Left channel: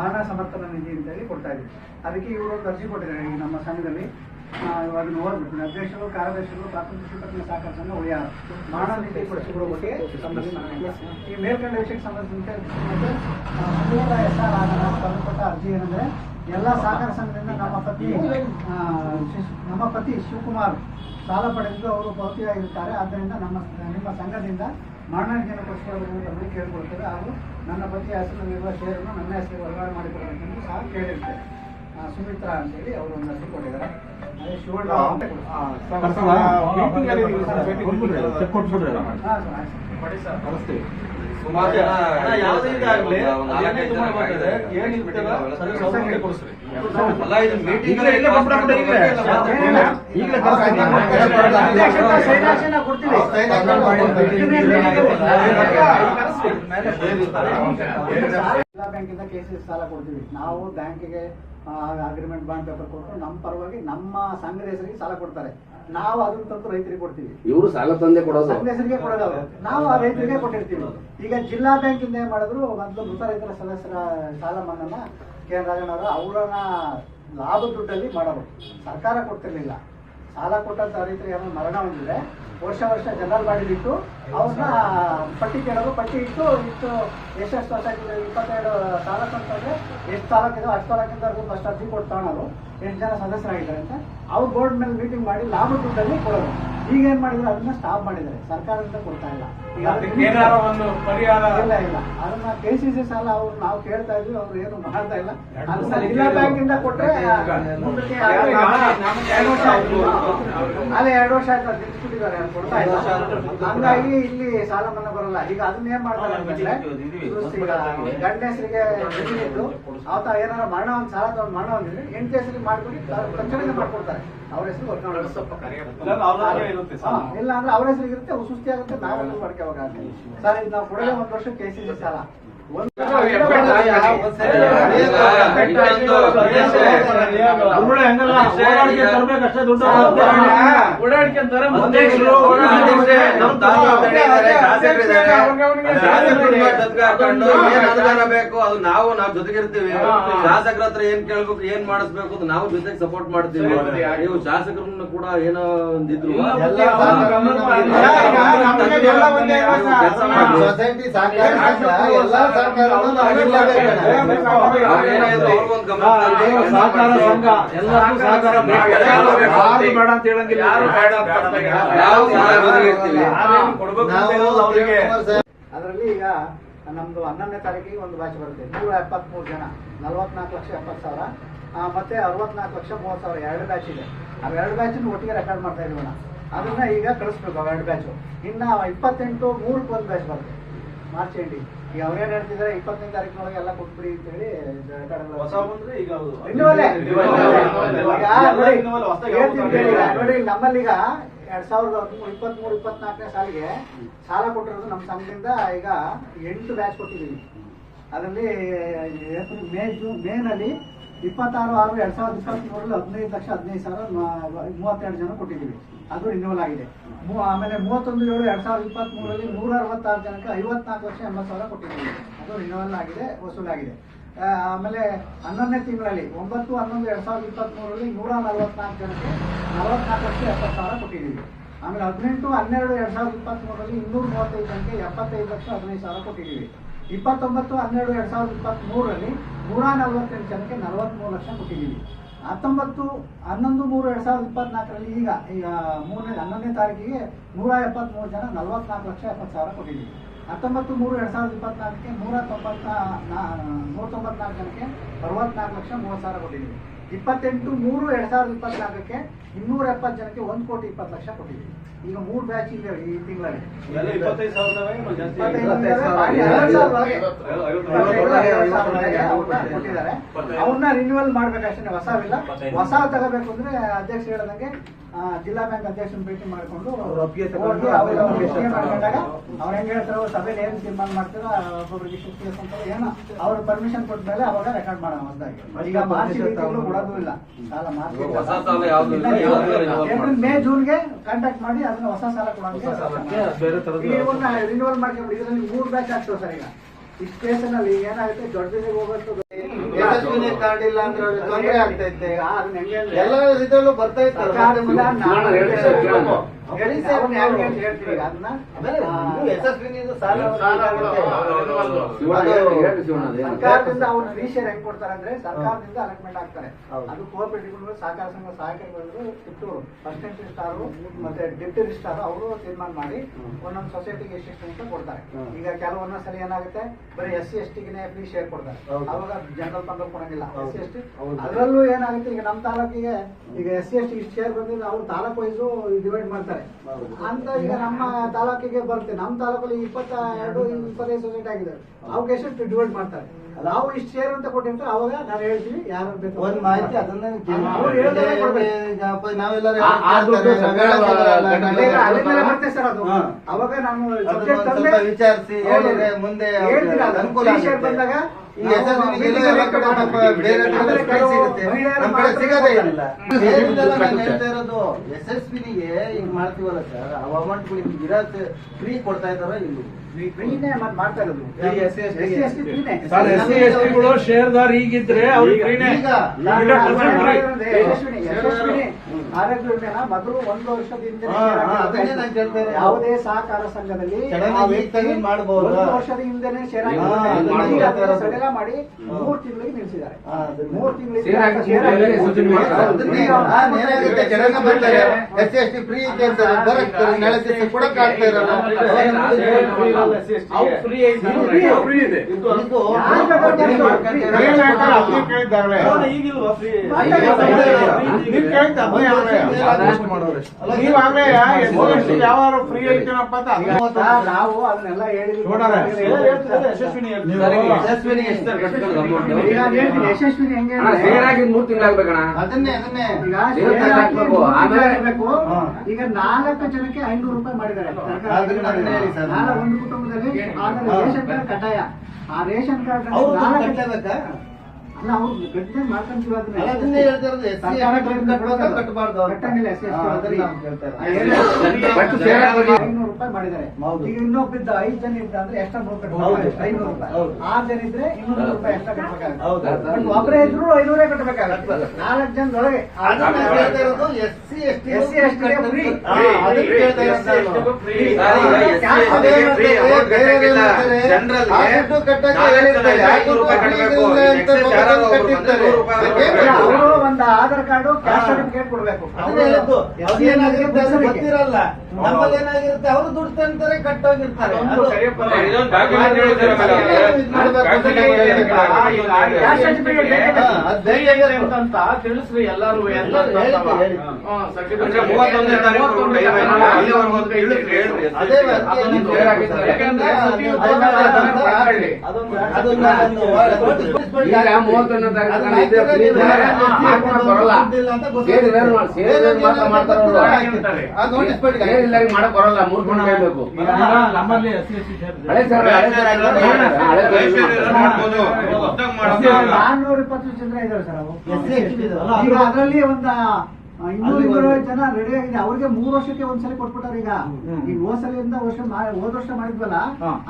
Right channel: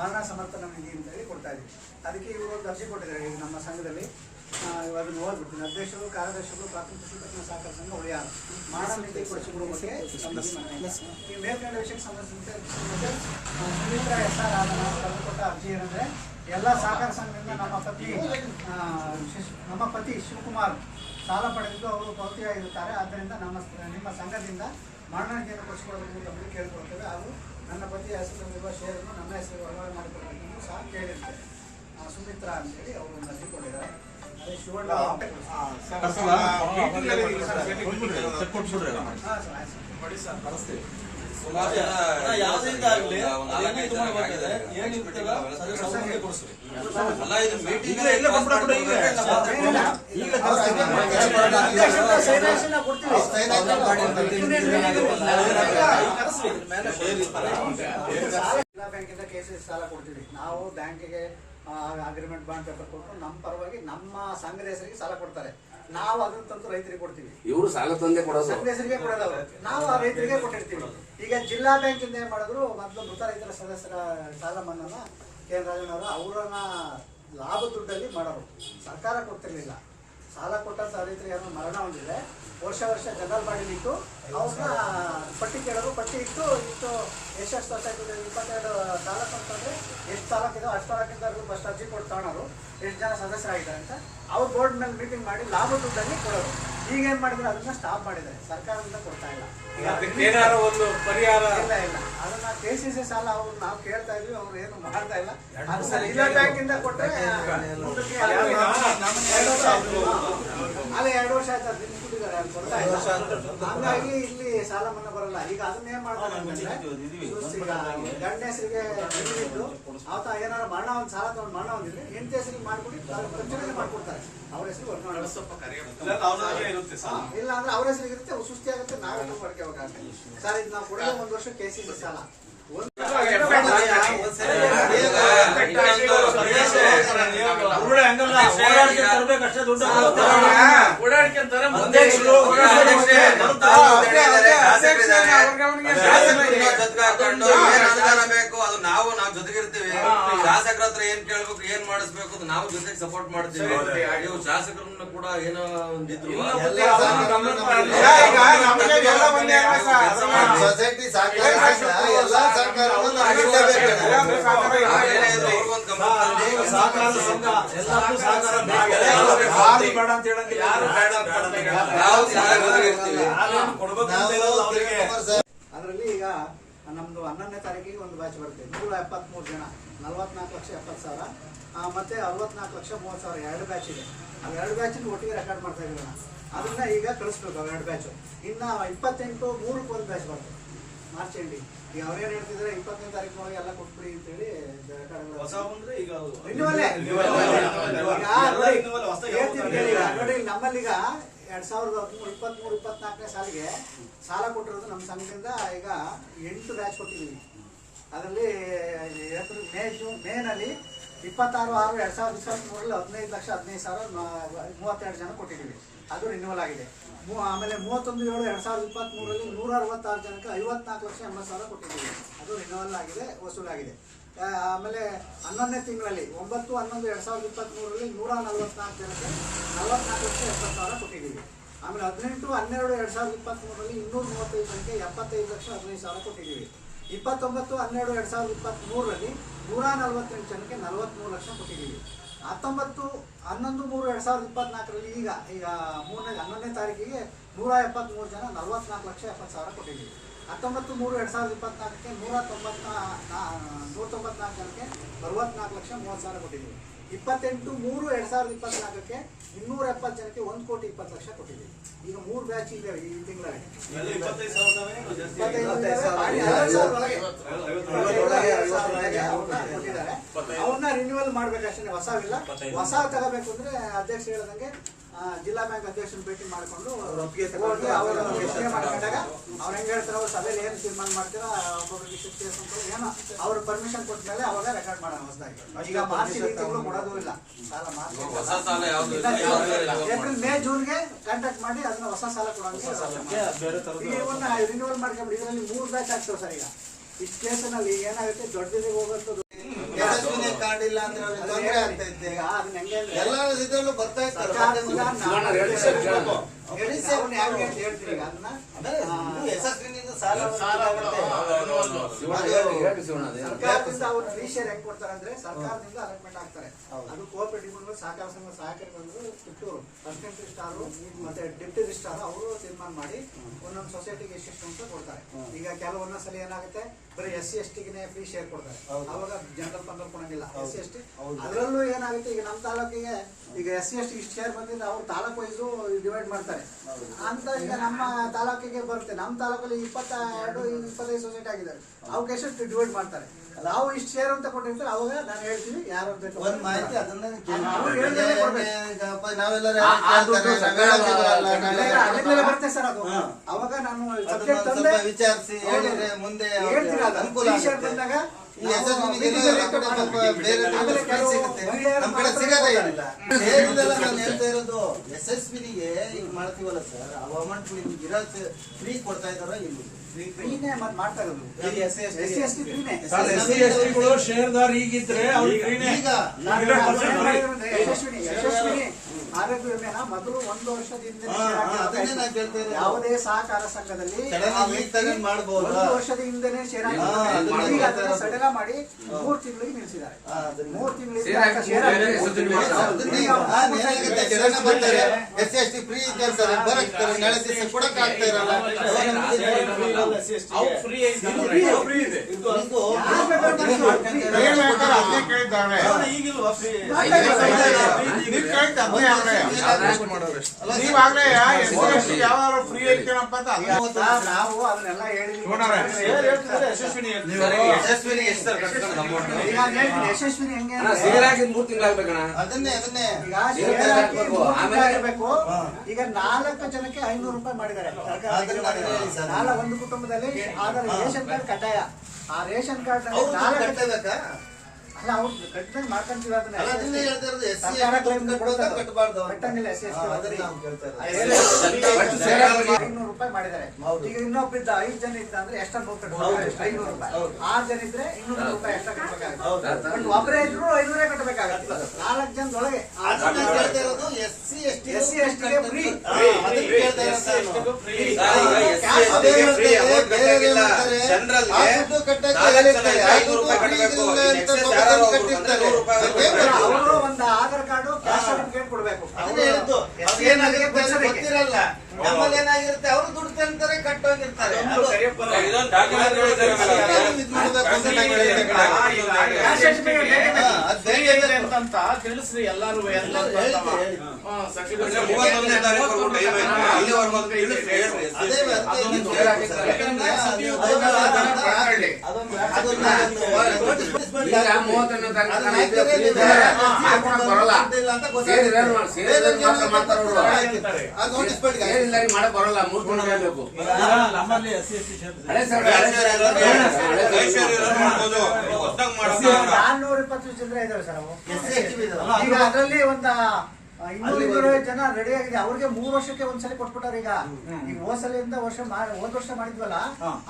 ಮರಣ ಸಮರ್ಥನ ನಿಧಿ ಅಂತೇಳಿ ಕೊಡ್ತಾ ಇದ್ವಿ. ಅದಕ್ಕೆ ಇವರು ಅರ್ಜಿ ಕೊಟ್ಟಿದ್ದಾರೆ ಈಗ ನಮ್ಮ ಸಂಘದಲ್ಲಿ. ಅದನ್ನು ಓದ್ಬಿಡ್ತೀನಿ. ಅಧ್ಯಕ್ಷರು, ಕಾರ್ಯದರ್ಶಿಗಳು, ಪ್ರಾಥಮಿಕ ಶಿಕ್ಷಕರ ಸಹಕಾರ ಸಂಘ ಉಳಿಯಾರು ಮರಣ ನಿಧಿ ಕೊಡಿಸಿಕೊಳ್ಳುವ ಬಗ್ಗೆ ಈ ಮೇಲ್ಕಂಡ ವಿಷಯಕ್ಕೆ ಸಂಬಂಧಿಸಿದಂತೆ ಸುಮಿತ್ರಾ SR ನಾವು ಬರೆದುಕೊಟ್ಟ ಅರ್ಜಿ ಏನಂದರೆ, ಎಲ್ಲ ಸಹಕಾರ ಸಂಘದಿಂದ ನಮ್ಮ ಪತಿ ಶಿವಕುಮಾರ್ ಸಾಲ ಪಡೆದು ಅವರು ಭೌತಿಯಾಗಿರುತ್ತಾರೆ. ಆದ್ದರಿಂದ ನಿಮ್ಮ ಸಂಘದಿಂದ ಮರಣ ನಿಧಿಯನ್ನು ಕೊಡಿಸಿಕೊಳ್ಳಬೇಕು ಕೇಳಿಕೊಳ್ತೇವೆ. ಹಾಗೂ ನನ್ನ ಪತಿಯ ಹೆಸರಿನಲ್ಲಿರುವ ಷೇರನ್ನು ನನ್ನ ಹೆಸರಿಗೆ ವರ್ಗಾವಣೆ ಮಾಡಿಕೊಡಬೇಕೆಂದು ಸಹ ಕೇಳಿರ್ತೇವೆ. ಸುಮಿತ್ರಾ ಅಂತೇಳಿ ಅವರು ಒಂದು ಅರ್ಜಿ ಕೊಟ್ಟಿದ್ದಾರೆ. ಅದೇ ಶಿವಣ್ಣ ಸುಮಾರು ಜನ ಜಿಲ್ಲಾ ಬ್ಯಾಂಕಿಂದ KCC ಸಾಲ ಕೊಡ್ತೀವಿ. ನಾವು ಬ್ಯಾಂಕಿಗೆ ಅಗ್ರಿಮೆಂಟ್ ಬಾಂಡ್ ಪೇಪರ್ ಕೊಟ್ಟು ನಮ್ಮ ಪರವಾಗಿ ನಮ್ಮ ಸಂಘದ ಹೆಸರಿಗೆ ಸಾಲ ಕೊಡ್ತಾರೆ. ನಾವು ಅದನ್ನ ತಂದು ರೈತರಿಗೆ ಕೊಡ್ತೀವಿ. ಇವರು ಸಾಲ ತಂದೆ ಕೊಡೋದು ಸಂಘದ ಹೆಸರಿಗೆ ಕೊಡೋದು, ನಾವು ಆ ರೈತರಿಗೆ ಕೊಟ್ಟಿರ್ತೀವಿ. ಈಗ ಜಿಲ್ಲಾ ಬ್ಯಾಂಕಿಂದ ಏನ್ ಮಾಡಿದ್ರು, ಮೊದಲು ಮೃತ ರೈತರ ಸದಸ್ಯರ ಸಾಲ ಮನ್ನಾನ KN ರಾಜಣ್ಣ ಅವರು ಅವರನ್ನ ಲಾಭ ದುಡ್ಡಲ್ಲಿ ಮಾಡೋರು. ಸರ್ಕಾರ ಕೊಡ್ತಿರ್ಲಿಲ್ಲ. ಸಾಲ ಕೊಟ್ಟಂತ ರೈತರಿಗೆ ಏನೋ ಮರಣ ಹೊಂದಿದೆ, ವರ್ಷ ಜನರಲ್ ಬಾಡಿಲಿಟ್ಟು ಅವ್ರನ್ನ ಪಟ್ಟಿ ಕೇಳೋದು. ಪಟ್ಟಿ ಇಟ್ಟು ಎಷ್ಟು ವರ್ಷ ಆಗಿದೆ, 22 ತಾಲೂಕು ಅಂತಂದರೆ ಎಷ್ಟು ತಾಲೂಕಿದೆ ಅಷ್ಟು ತಾಲೂಕಿಂದ ಫಸ್ಟ್ ಅರ್ಜಿ ಕೊಟ್ಟು ತಗೊಳೋರು, ಎಷ್ಟು ಜನ ಸದಸ್ಯರಾಗಿದ್ದಾರೆ ಅಂತ ಅವ್ರು ಬೋರ್ಡ್ ಮೇಲೆ ಮೀಟಿಂಗ್ ಮಾಡಿ ಲಾಭ ದುಡ್ಡಲ್ಲಿ ಕೊಡೋರು. ಈಗ ಏನ್ ಮಾಡಿದ್ರು, ಅದನ್ನ ಸ್ಟಾಪ್ ಮಾಡಿದ್ದಾರೆ. ಸರ್ಕಾರದಿಂದ ಕೊಡ್ತಾ ಇಲ್ಲ. ಈಗ ಒಂದು ಪರಿಹಾರ ಇಲ್ಲ ಅದನ್ನ KCC ಸಾಲ ಅವ್ರು ನಾವು ಕೇಳ್ತಾ ಇದ್ವಿ, ಅವ್ರು ಏನು ಮಾಡ್ತಾ ಇಲ್ಲ. ಅದನ್ನ ಜಿಲ್ಲಾ ಬ್ಯಾಂಕಿಂದ ಕೊಟ್ರೆ ಮುಂದಕ್ಕೆ ಅದೇ 2 ವರ್ಷ ಆಯ್ತು ತಿಳಿಸ್ಬಿಟ್ಟಿದ್ದಾರೆ, ಕೊಡ್ತಾ ಇಲ್ಲ. ಹಂಗಾಗಿ ಇಲ್ಲಿ ಸಾಲ ಮನ್ನಾ ಬರಲ್ಲ. ಈಗ ಅದನ್ನ ಏನ್ ಮಾಡ್ತಾರೆ ಅಂತಂದ್ರೆ, ಗಂಡ ಹೆಸರಿಗೆ ಜಮೀನಿದ್ದು ಆತ ಏನಾದ್ರು ಮರಣ ಒಂದು ಸಾಲ ತಗೊಂಡು ಮರಣ ಹೊಂದಿದ್ರೆ ಹೆಂಡತಿ ಹೆಸರಿಗೆ ಮಾಡ್ಕೊಂಡು ತಕ್ಷಣ ಮಾಡ್ಕೊಡ್ತಾರೆ. ಅವ್ರ ಹೆಸರು ಇಲ್ಲ ಅಂದ್ರೆ ಅವ್ರ ಹೆಸರಿಗೆ ಇರುತ್ತೆ, ಸುಸ್ತಿ ಆಗುತ್ತೆ, ನಾವೆಲ್ಲ ಮಾಡ್ಕೋಬೇಕಾಗುತ್ತೆ. ಸರ್ ಇದು ನಾವು ಕೊಡಲೇ 1 ವರ್ಷ KCC ಸಾಲ ಬೇಕು. ಅದು ನಾವು ಜೊತೆಗಿರ್ತೀವಿ. ಶಾಸಕರ ಹತ್ರ ಏನ್ ಕೇಳ್ಬೇಕು, ಏನ್ ಮಾಡಿಸ್ಬೇಕು ಅಂತ ನಾವು ಜೊತೆಗೆ ಸಪೋರ್ಟ್ ಮಾಡ್ತೀವಿ. ನೀವು ಶಾಸಕರನ್ನ ಕೂಡ ಏನೋ ಒಂದಿದ್ರು ಸೊಸೈಟಿ ಅದರಲ್ಲಿ ಈಗ ನಮ್ದು 11ನೇ ತಾರೀಕಿಗೆ ಒಂದು ಬ್ಯಾಚ್ ಬರುತ್ತೆ. 173 ಜನ, 44,70,000 ಮತ್ತೆ 64,30,000 2 ಬ್ಯಾಚ್ ಇದೆ. ಅವು 2 ಬ್ಯಾಚ್ ಒಟ್ಟಿಗೆ ರೆಕಾರ್ಡ್ ಮಾಡ್ತಾ ಇದೀವಿ. ಅದನ್ನ ಈಗ ಕಳಿಸ್ಬೇಕು. ಅವು 2 ಬ್ಯಾಚ್ ಇನ್ನ 28/3 ಒಂದು ಬ್ಯಾಚ್ ಬರುತ್ತೆ, ಮಾರ್ಚ್ ಎಂಡಿಂಗ್. ಈಗ ಅವ್ರೇನ್ ಹೇಳ್ತಿದ್ದಾರೆ, 25ನೇ ತಾರೀಕಿನೊಳಗೆ ಎಲ್ಲ ಕೊಟ್ಬಿಡಿ ಅಂತ ಹೇಳಿ ನೋಡಿ. ನಮ್ಮಲ್ಲಿ ಈಗ 2023-24ನೇ ಸಾಲಿಗೆ ಸಾಲ ಕೊಟ್ಟಿರೋದು ನಮ್ಮ ಸಂಘದಿಂದ ಈಗ 8 ಬ್ಯಾಚ್ ಕೊಟ್ಟಿದ್ದೀವಿ. ಅದರಲ್ಲಿ ಮೇನಲ್ಲಿ 26/6/2023 15,15,032 ಜನ ಕೊಟ್ಟಿದ್ದೀವಿ. ಅದು ರಿನ್ಯೂವಲ್ ಆಗಿದೆ. ಆಮೇಲೆ 31/7/2023 166 ಜನಕ್ಕೆ 54,80,000 ಕೊಟ್ಟಿದ್ದೀವಿ. ಅದು ರಿನ್ಯೂವಲ್ ಆಗಿದೆ, ವಸೂಲಾಗಿದೆ. ಆಮೇಲೆ 11ನೇ ತಿಂಗಳಲ್ಲಿ 9/11/2023 144 ಜನಕ್ಕೆ 44,70,000 ಕೊಟ್ಟಿದ್ದೀವಿ. ಆಮೇಲೆ 18/12/2023 235 ಜನಕ್ಕೆ 75,15,000 ಕೊಟ್ಟಿದ್ದೀವಿ. 29/12/2023 148 ಜನಕ್ಕೆ 43 ಲಕ್ಷ ಕೊಟ್ಟಿದ್ದೀವಿ. 19/11/2024 ಈಗ 11ನೇ ತಾರೀಕಿಗೆ 173 ಜನ 44,70,000 ಕೊಟ್ಟಿದ್ದೀವಿ. 19/3/2024ಕ್ಕೆ 194 ಜನಕ್ಕೆ 64,30,000 ಕೊಟ್ಟಿದ್ದೀವಿ. 28/3/2024ಕ್ಕೆ 270 ಜನಕ್ಕೆ 1,20,00,000 ಕೊಟ್ಟಿದ್ದೀವಿ. ಈಗ 3 ಬ್ಯಾಚ್ ಇದೆ ಈ ತಿಂಗಳಲ್ಲಿ. ಕೊಟ್ಟಿದ್ದಾರೆ. ಅವನ್ನ ರಿನ್ಯೂವಲ್ ಮಾಡ್ಬೇಕಷ್ಟೇ, ಹೊಸವಿಲ್ಲ. ಹೊಸ ತಗೋಬೇಕು ಅಂದ್ರೆ ಅಧ್ಯಕ್ಷ ಹೇಳದಂಗೆ ಜಿಲ್ಲಾ ಬ್ಯಾಂಕ್ ಅಧ್ಯಕ್ಷನ ಭೇಟಿ ಮಾಡಿಕೊಂಡು ಮಾಡ್ಕೊಂಡಾಗ ಅವ್ರು ಹೆಂಗ್ ಹೇಳ್ತಾರೋ ಸಭೆಯಲ್ಲಿ ಏನ್ ತೀರ್ಮಾನ ಮಾಡ್ತೀರೋ ಒಬ್ಬೊಬ್ಬರಿಗೆ ಶಿಕ್ಷಕ ಏನೋ ಅವ್ರ ಪರ್ಮಿಷನ್ ಕೊಟ್ಟ ಮೇಲೆ ಅವಾಗ ರೆಕಾರ್ಡ್ ಮಾಡೋಣ ಹೊಸದಾಗಿ. ಈಗ ಮಾರ್ಚ್ ಕೊಡೋದು ಇಲ್ಲ ಸಾಲ. ಏಪ್ರಿಲ್ ಮೇ ಜೂನ್ಗೆ ಕಾಂಟ್ಯಾಕ್ಟ್ ಮಾಡಿ ಅದನ್ನ ಹೊಸ ಸಾಲ ಕೊಡೋಕೆ ರಿನ್ಯೂವಲ್ ಮಾಡ್ಕೊಂಡ್ಬಿಡಿ. ಇದರಲ್ಲಿ 3 ಬ್ಯಾಚ್ ಆಗ್ತವೆ ಸರ್. ಈಗ ಈ ಸ್ಟೇಷನ್ ಅಲ್ಲಿ ಏನಾಗುತ್ತೆ, ದೊಡ್ಡದಿಗೆ ಹೋಗೋದು ಯಶಸ್ವಿನಿ ಕಾರ್ಡ್ ಇಲ್ಲ ಅಂದ್ರೆ ಅವ್ರಿಗೆ ತೊಂದರೆ ಆಗ್ತೈತೆ. ಈಗ ಅದನ್ನ ಹೆಂಗೆ ಅಂದ್ರೆ ಎಲ್ಲ ಇದ್ರಲ್ಲೂ ಬರ್ತಾ ಇರ್ತಾರೆ. ಸರ್ಕಾರದಿಂದ ನಾವು ಹೇಳಿ ಸರ್, ಅವ್ರನ್ನ ಹೆಂಗೆ ಅಂತ ಹೇಳ್ತೀವಿ ಈಗ ಅದನ್ನ ಆಮೇಲೆ ಇದು ಯಶಸ್ವಿನಿದು ಸಾಲ ಸರ್ಕಾರದಿಂದ ಅವ್ರನ್ನ ರೀಶೇರ್ ಹೆಂಗ್ ಕೊಡ್ತಾರೆ ಅಂದ್ರೆ ಸರ್ಕಾರದಿಂದ ಅಲಾಟ್ಮೆಂಟ್ ಆಗ್ತಾರೆ. ಅದು ಕೋಆಪರೇಟಿವ್ ಸಹಕಾರ ಸಂಘ ಸಹಕಾರಿಗಳು ಕಿತ್ತೂರು ಅಸಿಸ್ಟೆಂಟ್ ರಿಜಿಸ್ಟ್ರಾರು ಮತ್ತೆ ಡೆಪ್ಟಿ ರಿಜಿಸ್ಟ್ರಾರ್ ಅವರು ತೀರ್ಮಾನ ಮಾಡಿ ಒಂದೊಂದು ಸೊಸೈಟಿಗೆ ಎಷ್ಟೆಷ್ಟು ಅಂತ ಕೊಡ್ತಾರೆ. ಈಗ ಕೆಲವೊಂದ ಸಲ ಏನಾಗುತ್ತೆ ಬರೀ SC/ST ಗೆ ಫ್ರೀ ಶೇರ್ ಕೊಡ್ತಾರೆ, ಅವಾಗ ಜನರಲ್ ಫಂಡ್ ಕೊಡಂಗಿಲ್ಲ. SC/ST ಅದರಲ್ಲೂ ಏನಾಗುತ್ತೆ ಈಗ ನಮ್ಮ ತಾಲೂಕಿಗೆ ಈಗ SC/ST ಇಷ್ಟು ಶೇರ್ ಬಂದಿದ್ರೆ ಅವ್ರು ತಾಲೂಕು ವೈಸು ಡಿವೈಡ್ ಮಾಡ್ತಾರೆ ಅಂತ. ಈಗ ನಮ್ಮ ತಾಲೂಕಿಗೆ ಬರುತ್ತೆ, ನಮ್ಮ ತಾಲೂಕಲ್ಲಿ 22-25 ಸೊಸೈಟಿ ಆಗಿದೆ, ಅವಕ್ಕೆ ಎಷ್ಟು ಡಿವೈಡ್ ಮಾಡ್ತಾರೆ. ನಾವು ಇಷ್ಟು ಶೇರ್ ಅಂತ ಕೊಟ್ಟಿರ್ತಾರೆ, ಅವಾಗ ನಾವು ಹೇಳ್ತೀವಿ ಯಾರು ಬೇಕು ಒಂದ್ ಮಾಹಿತಿ ಅದನ್ನ ಅಲ್ಲಿಂದಲೇ ಬರುತ್ತೆ ಸರ್ ಅದು. ಅವಾಗ ನಾನು ಸ್ವಲ್ಪ ವಿಚಾರಿಸಿ ಹೇಳಿದ್ರೆ ಮುಂದೆ ಅನುಕೂಲ ಬಂದಾಗ ಈ ಯಶಸ್ವಿನಿಗೆ ಎಲ್ಲ ಕಡೆ ಸ್ವಲ್ಪ ಬೇರೆ ಸಿಗುತ್ತೆ, ನಮ್ಮ ಕಡೆ ಸಿಗದೇ ಇಲ್ಲ. ಹೇಳಿದೆಲ್ಲ ನಾನು ಹೇಳ್ತಾ ಇರೋದು ಯಶಸ್ವಿನಿಗೆ ಈಗ ಮಾಡ್ತೀವಲ್ಲ ಸರ್, ಆ ಅಮೌಂಟ್ಗಳಿಗೆ ಇರೋದು ಫ್ರೀ ಕೊಡ್ತಾ ಇದಾರ ಇಲ್ಲಿ ಫ್ರೀನೇ ಮತ್ತೆ ಮಾಡ್ತಾ ಇರೋದು. SC/ST ಶೇರ್ದಾರ್ ಈಗಿದ್ರೆ ಅವ್ರಿಗೆ ಫ್ರೀನೇ. ಈಗ ಯಶಸ್ವಿನಿ ಆರೋಗ್ಯ ವಿಮೆನ ಮೊದಲು 1 ವರ್ಷದಿಂದ ಅದನ್ನೇ ನಾನು ಕೇಳ್ತಾ ಇರೋದು. ಯಾವುದೇ ಸಹಕಾರ ಸಂಘದಲ್ಲಿ ಮಾಡಬಹುದು 1 ವರ್ಷದ ಹಿಂದೆನೆ ಶೇರ್ ಸಡಲ ಮಾಡಿ 3 ತಿಂಗಳಿಗೆ ನಿಲ್ಲಿಸಿದ್ದಾರೆ. 3 ತಿಂಗಳಿಗೆ SC/ST ಫ್ರೀ ಇದೆ ಅಂತಾರೆ, ಬರಕ್ಕೆ ನಾಳೆ ದಿವಸ ಕೊಡಕ್ಕೆ ಆಗ್ತಾ ಇರಲ್ಲ. ನಾವು ಅದನ್ನೆಲ್ಲ ಹೇಳಿದ್ವಿ. ಯಶಸ್ವಿನಿ ಹೆಂಗೆ ಅದನ್ನೇ ಈಗ 4 ಜನಕ್ಕೆ 500 ರೂಪಾಯಿ ಮಾಡಿದ್ದಾರೆ. ಒಂದು ಕುಟುಂಬದಲ್ಲಿ ರೇಷನ್ ಕಾರ್ಡ್ ಕಡ್ಡಾಯ. ಆ ರೇಷನ್ ಕಾರ್ಡ್ ಕಟ್ಟಬೇಕಾ? ಅಲ್ಲ ಅವ್ರು ಕಟ್ಟಿದ್ರೆ ಮಾಡ್ಕೊಂತೀವಿ ಅದನ್ನ. ಅದನ್ನೇ ಹೇಳ್ತಾ ಇರೋದು. ಕಟ್ಟಬಾರ್ದು ಕಟ್ಟಂಗಿಲ್ಲ. 500 ರೂಪಾಯಿ ಮಾಡಿದ್ದಾರೆ. ಈಗ ಇನ್ನೊಬ್ಬಿದ್ದ 5 ಜನ ಇದ್ದ ಅಂದ್ರೆ ಎಷ್ಟ 100 ಕಟ್ಟಬೇಕು, 500 ರೂಪಾಯಿ. 6 ಜನ ಇದ್ರೆ 200 ರೂಪಾಯಿ ಎಷ್ಟ ಕಟ್ಟಬೇಕಾಗುತ್ತೆ. ಒಬ್ಬರೇ ಇದ್ರು 500 ಕಟ್ಟಬೇಕಾಗುತ್ತೆ. 4 ಜನದೊಳಗೆ SC/ST ಫ್ರೀ. ಅವರು ಒಂದು ಆಧಾರ್ ಕಾರ್ಡ್ ಕ್ಯಾಸ್ಟ್ ಸರ್ಟಿಫಿಕೇಟ್ ಕೊಡ್ಬೇಕು. ಗೊತ್ತಿರಲ್ಲ. ನಮ್ಮಲ್ಲಿ ಏನಾಗಿರುತ್ತೆ, ಅವರು ದುಡ್ಡು ತಂತಾರೆ ಕಟ್ಟೋಗಿರ್ತಾರೆ. ಅಂತ ತಿಳಿಸ್ರಿ ಎಲ್ಲಾರು. ಮಾಡಕ್ ಬರಲ್ಲ. ನಮ್ಮಲ್ಲಿ $420 ಜನ ಇದಾವೆ ಸರ್. ಈಗ ಅದರಲ್ಲಿ ಒಂದು 200 ಜನ ರೆಡಿ ಆಗಿದೆ. ಅವ್ರಿಗೆ 3 ವರ್ಷಕ್ಕೆ ಒಂದ್ಸಲಿ ಕೊಟ್ಬಿಟ್ಟಾರೆ. ಈಗ ಹೋದ ವರ್ಷ ಮಾಡಿದ್ವಲ್ಲ,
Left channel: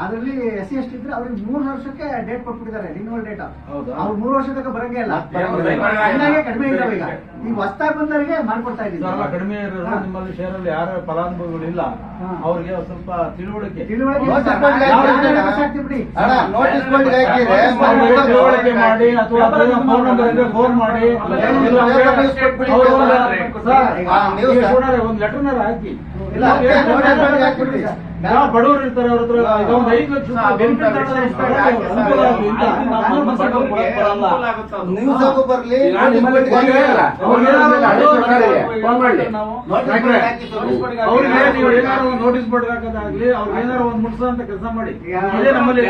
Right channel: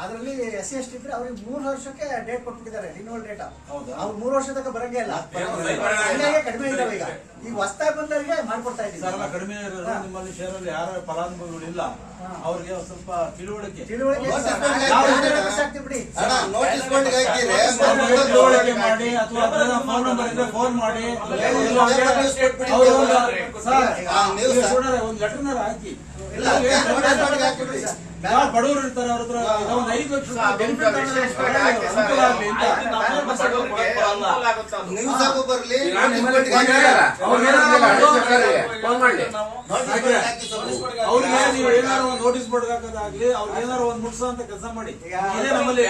ಅದ್ರಲ್ಲಿ SC/ST ಇದ್ರೆ ಅವ್ರಿಗೆ 3 ವರ್ಷಕ್ಕೆ ಡೇಟ್ ಕೊಟ್ಬಿಟ್ಟಿದ್ದಾರೆ, ರಿನ್ಯೂವಲ್ ಡೇಟ್. ಅವ್ರು 3 ವರ್ಷ ತನಕ ಬರಂಗೇ ಇಲ್ಲ. ಕಡಿಮೆ ಇದಾವೆ. ಈಗ ಹೊಸದಾಗಿ ಬಂದವರಿಗೆ ಮಾಡ್ಕೊಡ್ತಾ ಇದ್ದೀವಿ. ಕಡಿಮೆ ನಿಮ್ಮಲ್ಲಿ ಶೇರಲ್ಲಿ ಯಾರ ಫಲಾನುಭವಿಗಳಿಲ್ಲ ಅವ್ರಿಗೆ ಸ್ವಲ್ಪ ತಿಳುವಳಿಕೆ ಬಿಡಿ. ತಿಳುವಳಿಕೆ ಮಾಡಿ ಅಥವಾ ಫೋನ್ ನಂಬರ್ ಇದ್ರೆ ಫೋನ್ ಮಾಡಿ ಒಂದು ಲೆಟರ್ನಾರ ಹಾಕಿ. ಯಾವ ಬಡವರು ಇರ್ತಾರೆ ಅವ್ರ ಹತ್ರ ಒಂದು 5 ಲಕ್ಷ ನ್ಯೂಸ್ ಬರ್ಲಿ. ಅವ್ರಿಗೆ ಏನಾದ್ರು ಒಂದು ನೋಟಿಸ್ ಬೋರ್ಡ್ ಹಾಕೋದಾಗ್ಲಿ, ಅವ್ರಿಗೆ ಏನಾದ್ರು ಒಂದು ಮುಟ್ಸ ಅಂತ ಕೆಲಸ ಮಾಡಿ. ಇದೇ ನಮ್ಮಲ್ಲಿ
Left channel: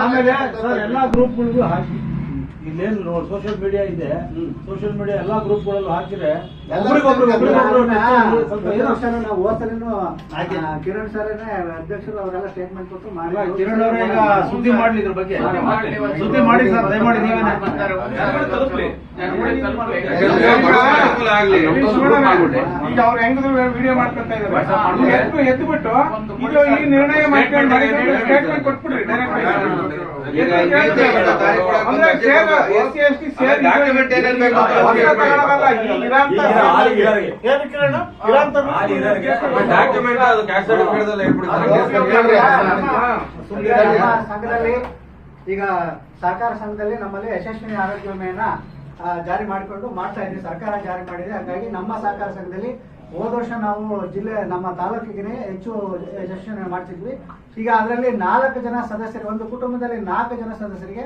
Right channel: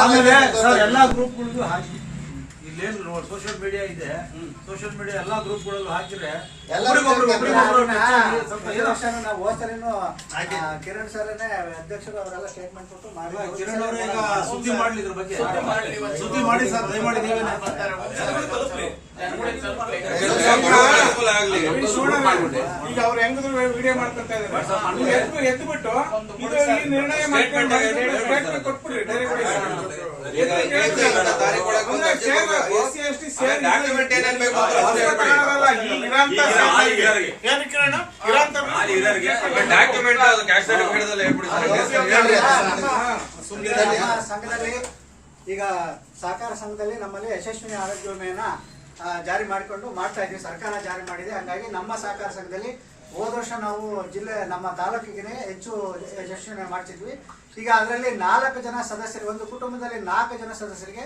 ಆಮೇಲೆ ಸರ್ ಎಲ್ಲಾ ಗ್ರೂಪ್ಗಳಿಗೂ ಹಾಕಿ. ಇಲ್ಲೇನು ಸೋಷಿಯಲ್ ಮೀಡಿಯಾ ಇದೆ, ಸೋಷಿಯಲ್ ಮೀಡಿಯಾ ಎಲ್ಲಾ ಗ್ರೂಪ್ಗಳಲ್ಲೂ ಹಾಕಿದ್ರೆ ಕಿರಣ್ ಸರ್ ಅಧ್ಯಕ್ಷರು ಅವರೆಲ್ಲ ಸ್ಟೇಟ್ಮೆಂಟ್ ಕೊಟ್ಟು ಕಿರಣ್ ಅವರೇ ಈಗ ಸುದ್ದಿ ಮಾಡ್ಲಿ ಇದ್ರ ಬಗ್ಗೆ. ಸುದ್ದಿ ಮಾಡಿ ಸರ್, ದಯಮಾಡಿ ನೀವೇ ಆಗ್ಲಿ ಈಗ ಅವ್ರು ಹೆಂಗಿದ್ರು ವಿಡಿಯೋ ಮಾಡ್ಕೊತಾ ಇದ್ದಾರೆ ಎದ್ದು ಬಿಟ್ಟು ಇದು ಈ ನಿರ್ಣಯ ಮಾಡ್ಕೊಂಡು ಸ್ಟೇಟ್ಮೆಂಟ್ ಕೊಟ್ಬಿಡ್ರಿ ಡಾಕ್ಯುಮೆಂಟ್ ಏನೇನ್ ಬೇಕು ಡಾಕ್ಯುಮೆಂಟ್ ಅದು ಕ್ಯಾಸ್ಟ್ ಸರ್ಟಿಫಿಕೇಟ್ ಹೇಳ್ಬಿಡಿ. ಸಂಘದಲ್ಲಿ ಈಗ ಸಹಕಾರ ಸಂಘದಲ್ಲಿ ನಮ್ಮಲ್ಲಿ ಯಶಸ್ವಿನಿ ಆರೋಗ್ಯ ವಿಮೆಯನ್ನ ಜಾರಿ ಮಾಡಿಕೊಂಡು ಮಾಡ್ತಾ ಇದ್ದೀವಿ. ಸರ್ಕಾರ ಜಾರಿ ಮಾಡಿದೆ. ಹಾಗಾಗಿ ನಮ್ಮ ಸಹಕಾರ ಸಂಘದಲ್ಲಿ ಹೋದ ವರ್ಷ ನಾವು ಜಿಲ್ಲೆ ನಮ್ಮ ತಾಲೂಕಿಗೆ ಹೆಚ್ಚು ಯಶಸ್ವಿನಿ ಮಾಡ್ತಿದ್ವಿ. ಈಗ ಅದರಲ್ಲಿ 4 ಜನ ಸದಸ್ಯರು, ಒಂದು ಕುಟುಂಬದಲ್ಲಿ 4 ಜನ ಸದಸ್ಯರಿಗೆ